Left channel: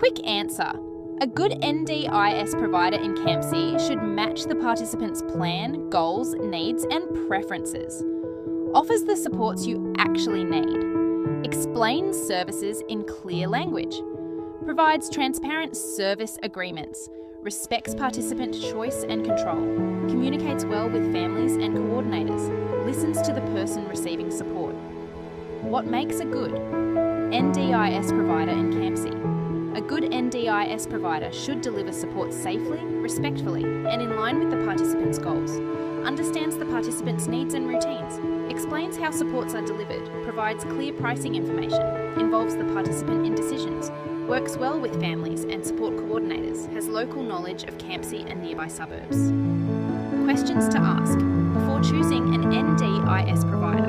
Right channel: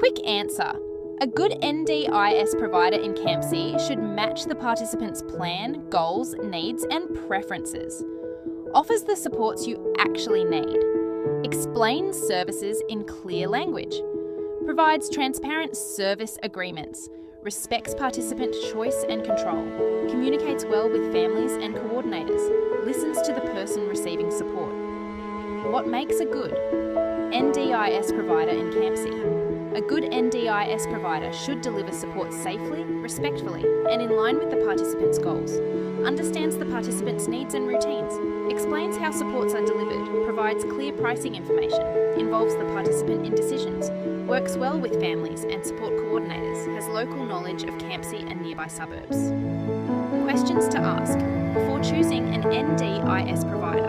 Quick answer. A good NDIS provider in Campsie should match the participant's plan, goals, needs, and preferences. Offers the supports you actually need. Explains services in clear language. Provides transparent service agreements. Respects participant choice and control. Communicates well with families and coordinators. Listens to the person receiving support. What makes a good NDIS provider in Campsie? A good NDIS provider should deliver support safely, respectfully, and in line with the participant's goals. Understands the participant's needs and routines. Explains how supports are delivered. Provides clear pricing information. Involves the participant in decisions. Works well with families and support coordinators. Has local knowledge of Campsie and nearby suburbs. Questions to ask before choosing an NDIS provider.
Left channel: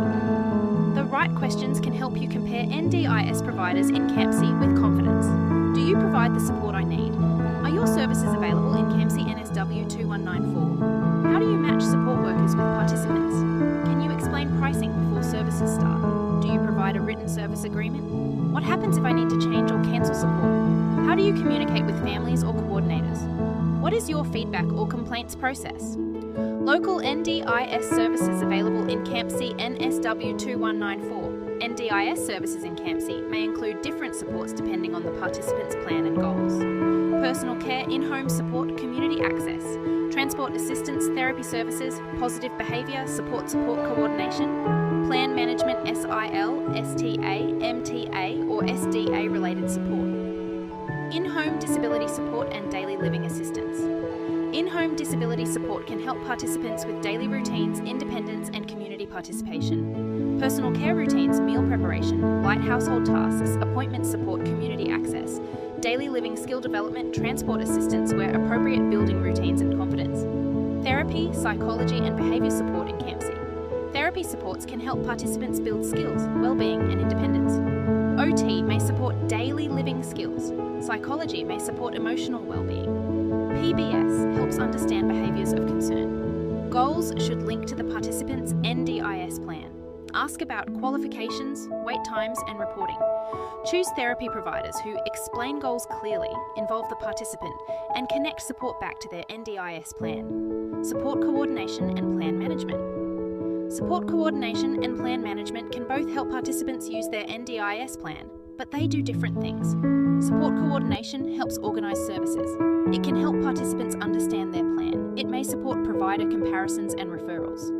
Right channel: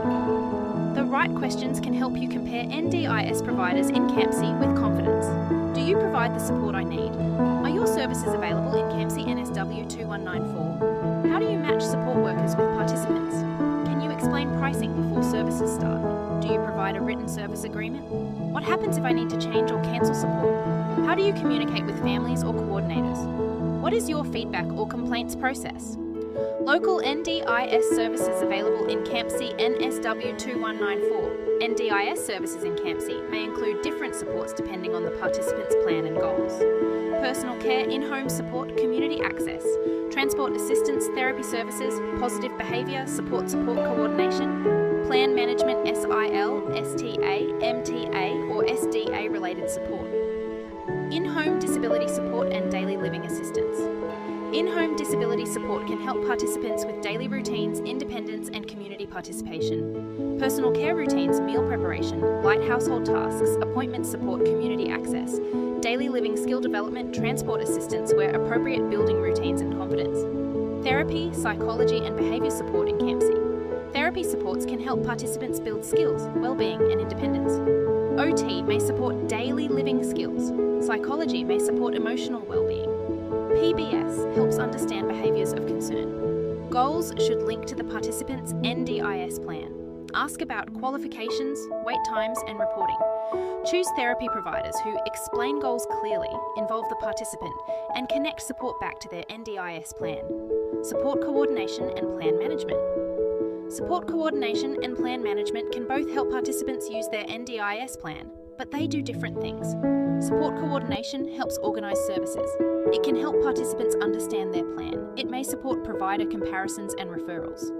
The right questions can help you compare NDIS providers in Campsie with confidence. Do you provide the support I need? Are your services available in Campsie NSW 2194? How do you match support workers with participants? Can you explain pricing before services start? Do you provide a written service agreement? What happens if I need to change or cancel support? How do you communicate with families or coordinators? What is your feedback or complaints process? Local NDIS services available in Campsie NSW 2194. NDIS services in Campsie may include different supports depending on the participant's plan and goals. Personal care, in-home support, community access, transport assistance, therapy services, positive behaviour, support coordination, plan management SIL, STA, MTA or SDA related support. In-home disability support and daily living assistance. In-home disability support can help participants with daily routines, independence and community participation. Personal care routines, meal preparation, light household tasks, appointment support, community access, daily living skill development, transport assistance where appropriate, building routines and confidence. Therapy, psychology and behaviour support in Campsie. Therapy supports can help participants build skills, well-being and independence. OT may support daily living skills. Psychology may support emotional well-being. PBS helps understand behaviours of concern. Goals should link to the participant's NDIS plan. Ask about qualifications, wait times and reporting. Choose therapy providers who explain goals clearly, involve the participant and connect support back to their NDIS plan. Support coordination and plan management. Support coordination and plan management can both help participants use their NDIS plan, but they do different things. Support coordination helps organise services. It can help participants understand their plan. It may support provider comparisons and referrals.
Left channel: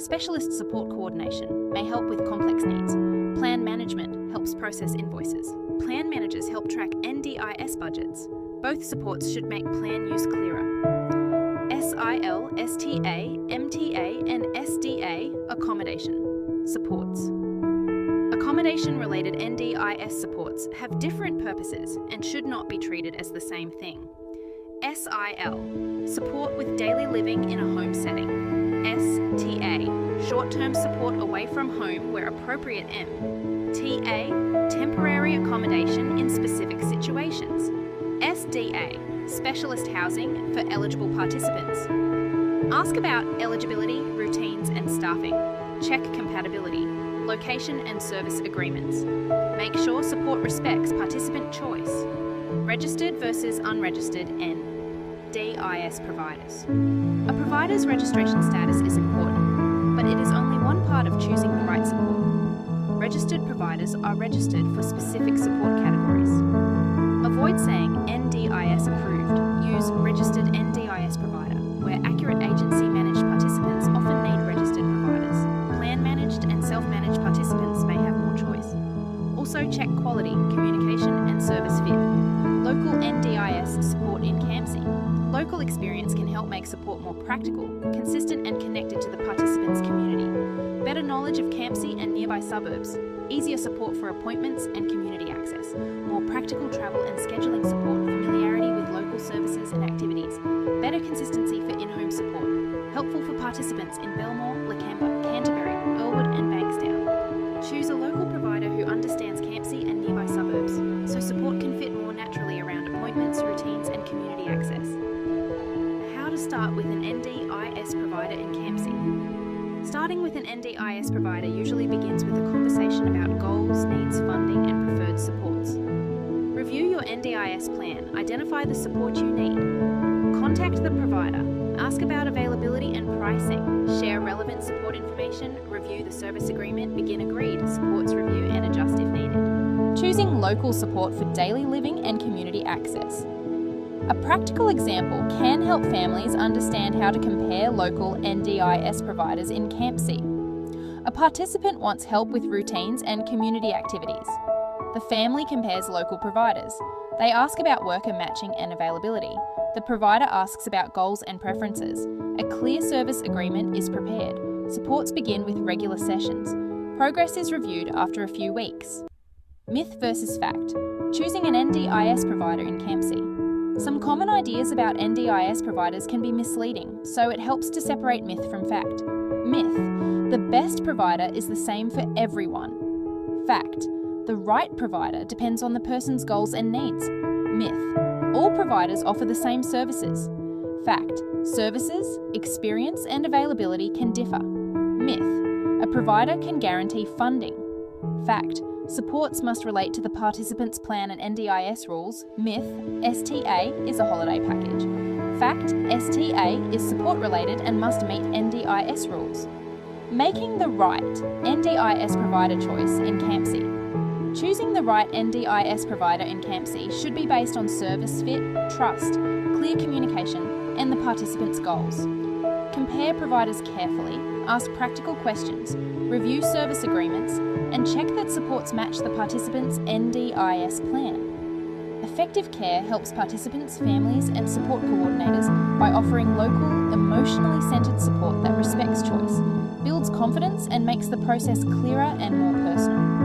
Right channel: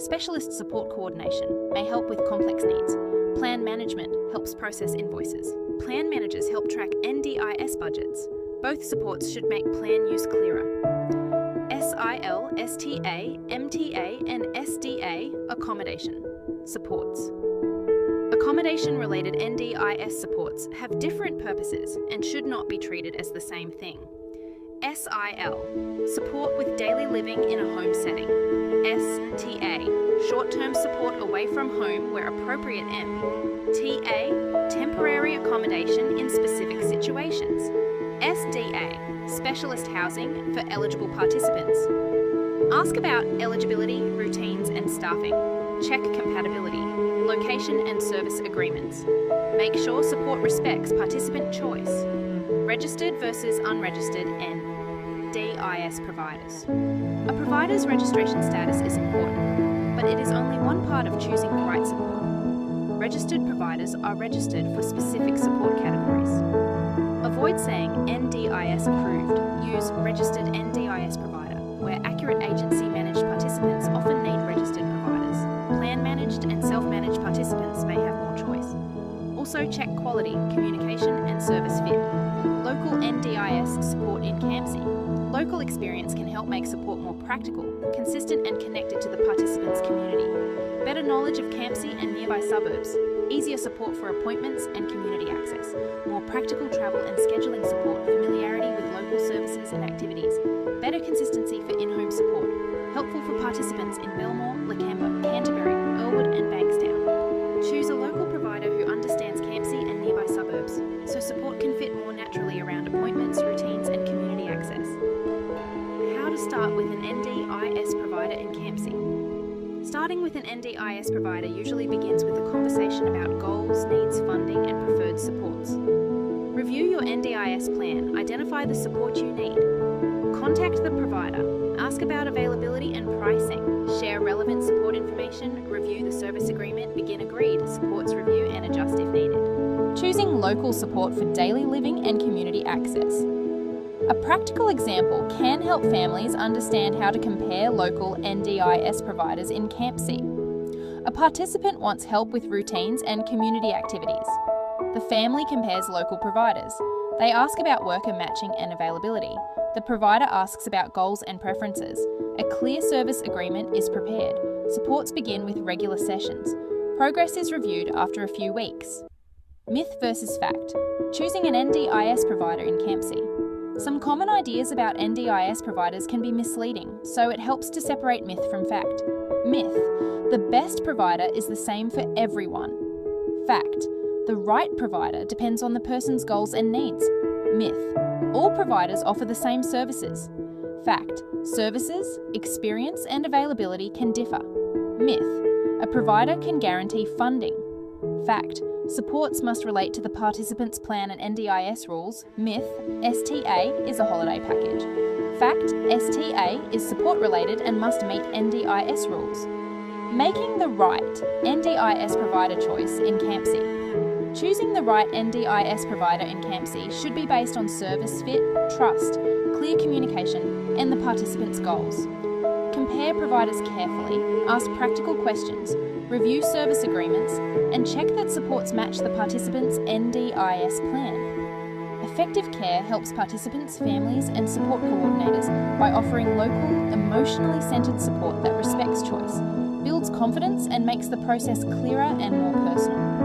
Specialist support coordination may help with complex needs. Plan management helps process invoices. Plan managers help track NDIS budgets. Both supports should make plan use clearer. SIL, STA, MTA and SDA accommodation supports. Accommodation-related NDIS supports have different purposes and should not be treated as the same thing. SIL, support with daily living in a home setting. STA, short-term support away from home where appropriate. TA, temporary accommodation in specific situations. SDA, specialist housing for eligible participants. Ask about eligibility, routines and staffing. Check compatibility. Location and service agreements. Make sure support respects participant choice. Registered versus unregistered NDIS providers. A provider's registration status is important, but it is only one part of choosing the right support. Registered providers are registered for specific support categories. Avoid saying NDIS approved. Use registered NDIS provider, where accurate agency-managed participants often need registered providers. Plan-managed and self-managed participants may have more choice. Also check quality, communication and service fit. Local NDIS support in Campsie. Local experience can help make support more practical, consistent and connected to the participant's community. Better knowledge of Campsie and nearby suburbs. Easier support for appointments and community access. More practical travel and scheduling support, familiarity with local services and activities. Better consistency for in-home support. Helpful for participants in Belmore, Lakemba, Canterbury, Earlwood and Bankstown. Choose a local provider who understands Campsie and nearby suburbs, so support can fit more naturally around appointments, routines and community access. How to start with an NDIS provider in Campsie. Starting with an NDIS provider usually begins with a conversation about goals, needs, funding and preferred supports. Review your NDIS plan, identify the support you need. Contact the provider, ask about availability and pricing, share relevant support information, review the service agreement, begin agreed, supports review and adjust if needed. Choosing local support for daily living and community access. A practical example can help families understand how to compare local NDIS providers in Campsie. A participant wants help with routines and community activities. The family compares local providers. They ask about worker matching and availability. The provider asks about goals and preferences. A clear service agreement is prepared. Supports begin with regular sessions. Progress is reviewed after a few weeks. Myth versus fact. Choosing an NDIS provider in Campsie. Some common ideas about NDIS providers can be misleading, so it helps to separate myth from fact. Myth. The best provider is the same for everyone. Fact. The right provider depends on the person's goals and needs. Myth. All providers offer the same services. Fact. Services, experience and availability can differ. Myth. A provider can guarantee funding. Fact. Supports must relate to the participant's plan and NDIS rules. Myth. STA is a holiday package. Fact. STA is support related and must meet NDIS rules. Making the right NDIS provider choice in Campsie. Choosing the right NDIS provider in Campsie should be based on service fit, trust, clear communication, and the participant's goals. Compare providers carefully, ask practical questions, review service agreements, and check that supports match the participant's NDIS plan. Affective Care helps participants, families, and support coordinators by offering local, emotionally centred support that respects choice, builds confidence, and makes the process clearer and more personal.